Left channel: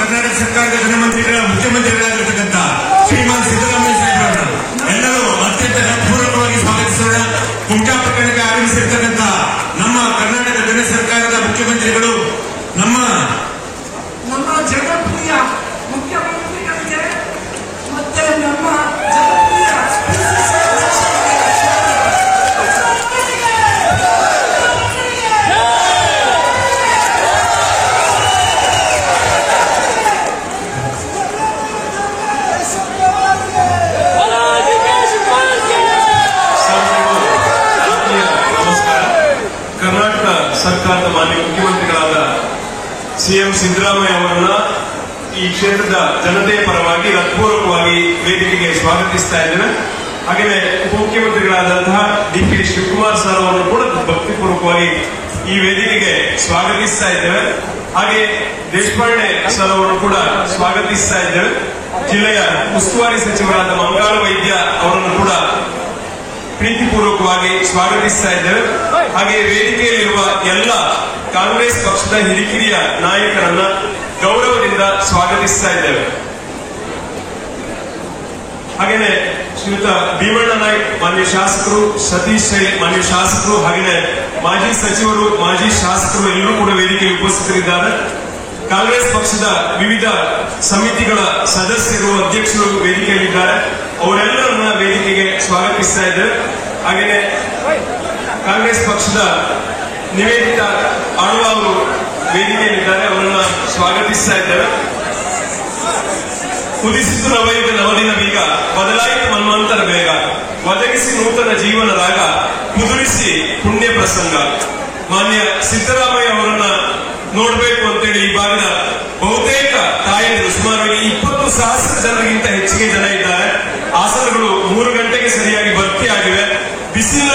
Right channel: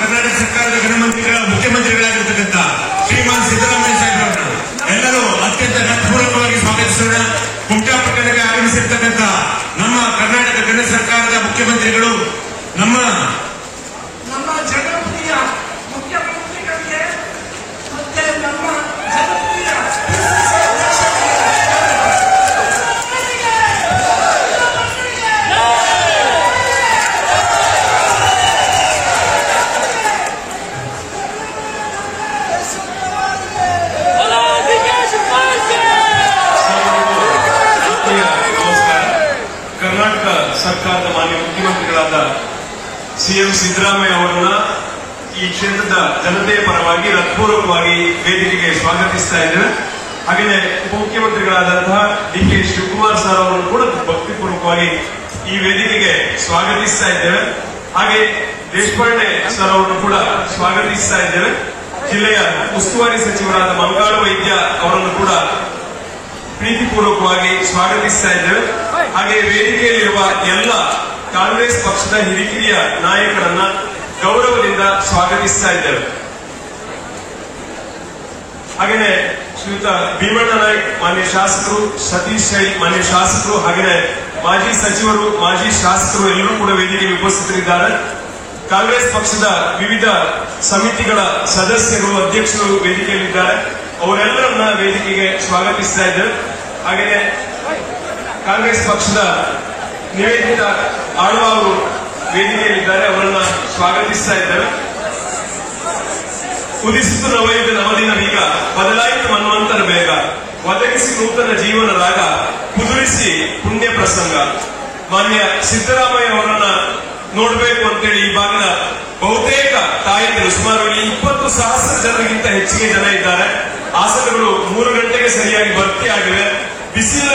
ಕರ್ನಾಟಕ ಸರ್ಕಾರದ ಗೃಹಮಂತ್ರಿಗಳ ಮುಖ್ಯಮಂತ್ರಿಗಳಾಗಿರ್ತಕ್ಕಂಥ ಶ್ರೀಮಾನ್ ಸಿದ್ದರಾಮಯ್ಯ ಸಾಹೇಬರವರು ಎಲ್ಲರೂ ಅತ್ಯಂತ ಹೃತ್ಪೂರ್ವಕವಾಗಿ ಸ್ವಾಗತಿಸೋಣ. ಕುಮಟಾ ಪಟ್ಟಣಕ್ಕೆ ಆಗಮಿಸಿರ್ತಕ್ಕಂಥ ನಮ್ಮ ಕರ್ನಾಟಕ ಗಣ ಸರ್ಕಾರದ ಮುಖ್ಯಮಂತ್ರಿಗಳು ನಮ್ಮ ಜನಪ್ರಿಯ ಮುಖ್ಯಮಂತ್ರಿಗಳಿಗೆ ಮತ್ತೆ ನಮ್ಮ ಜನಪ್ರಿಯ ಕರ್ನಾಟಕ ಸರ್ಕಾರದ ಮಾನ್ಯ ಮುಖ್ಯಮಂತ್ರಿಗಳಾದ ಸಿಎಂ ಸಿದ್ದರಾಮಯ್ಯ ಅವರನ್ನ ಈ ಕ್ಷೇತ್ರದ ಜನತೆಯ ಪರವಾಗಿ ಹೃತ್ಪೂರ್ವಕವಾಗಿ ವೇದಿಕೆಗೆ ಸ್ವಾಗತಿಸ್ತಾ ಇದ್ದೇವೆ. ಹಾಗೆಯೇ ಉಪಮುಖ್ಯಮಂತ್ರಿಗಳಾದಂತಹ ಡಿ.ಕೆ. ಶಿವಕುಮಾರ್ ಸರ್ ಅವರು ಕೂಡ ಭಕ್ತಿಪೂರ್ವಕವಾಗಿ ಈ ವೇದಿಕೆಗೆ ಸ್ವಾಗತಿಸ್ತಾ ಇದ್ದೇವೆ. ಹಾಗೆ ದೇಶಪಾಂಡೆ ಸರ್ ಅವರು ಕೂಡ ಸ್ವಾಗತಿಸ್ತಾ ಇದ್ದೇವೆ. ಜಿಲ್ಲೆಯ ಉಸ್ತುವಾರಿ ಸಚಿವರಾದ ಮಂಗಾಳ ವೈದ್ಯ ಅವರನ್ನು ಕೂಡ ಪ್ರೀತಿಪೂರ್ವಕವಾಗಿ ಸ್ವಾಗತಿಸ್ತಾ ಇದ್ದೇವೆ. ಹಾಗೆ ವೇದಿಕೆಯಲ್ಲಿರುವ ಎಲ್ಲ ಕಾಂಗ್ರೆಸ್ ಪಕ್ಷದ ಹಿರಿಕಿರಿಯ ನಾಯಕರನ್ನ ಗೌರವದಿಂದ ಸ್ವಾಗತಿಸ್ತಾ ಇದ್ದೇವೆ. ಹಾಗೆಯೇ ಶ್ರೀಯುತ ಭೀಮಣ್ಣ ನಾಯ್ಕ್ ಮಾನ್ಯ ಶಾಸಕರು, ಸತೀಶ್ ಶೈ ಮಾನ್ಯ ಶಾಸಕರು, ಹಾಗೆಯೇ ಮಾಜಿ ಸಚಿವರು, ಮಾಜಿ ಶಾಸಕರು ಎಲ್ಲರೂ ಕೂಡ ವೇದಿಕೆಗೆ ಉಪಸ್ಥಿತರಿದ್ದಾರೆ. ಕಾಂಗ್ರೆಸ್ ಪಕ್ಷದ ವಿವಿಧ ಸಮಿತಿಗಳ ಸದಸ್ಯರು, ಅಧ್ಯಕ್ಷರು ವೇದಿಕೆಯಲ್ಲಿದ್ದಾರೆ. ಅವರೆಲ್ಲರನ್ನ ವೇದಿಕೆಗೆ ಸ್ವಾಗತಿಸ್ತಾ ಇದ್ದೇವೆ. ಹಾಗೆಯೇ ಕಾಂಗ್ರೆಸ್ ಪಕ್ಷದ ನಿವೇದಿತ ಆಳ್ವ ಅವರು ವೇದಿಕೆಯಲ್ಲಿದ್ದಾರೆ. ಅವರನ್ನ ಸ್ವಾಗತಿಸ್ತಾ ಇದ್ದೇವೆ. ಉದಿಸಿತು ನವೈದು ನವದಿನ ಬೀಗ, ಬದಲಾಯಿತು ಮನ್ವಂತರ ಬೇಗ, ಒದಗಿಸಿ ನೂತನ ಜೀವನ ರಾಗ, ಕುದುರಿಸಿ ಪುಣ್ಯ ಪ್ರಸಂಗ. ಮಾನ್ಯ ಸಿದ್ದರಾಮಯ್ಯ ಅವರನ್ನ ನೋಡಬೇಕು ಅಂತೇಳಿ ಈ ಭಾಗದ ಬಹುತೇಕ ತಾಯಂದಿರು, ಸುಮಾರು 20,000 ಜನರಿಗಿಂತ ಹೆಚ್ಚಿಗೆ ಜನ ಇದ್ದಾರೆ. ಆಸನಗಳು 3 ಗಂಟೆಗೆ ಸರಿಯಾಗಿ ಭರ್ತಿಯಾಗಿವೆ. ಬಿಸಿಲು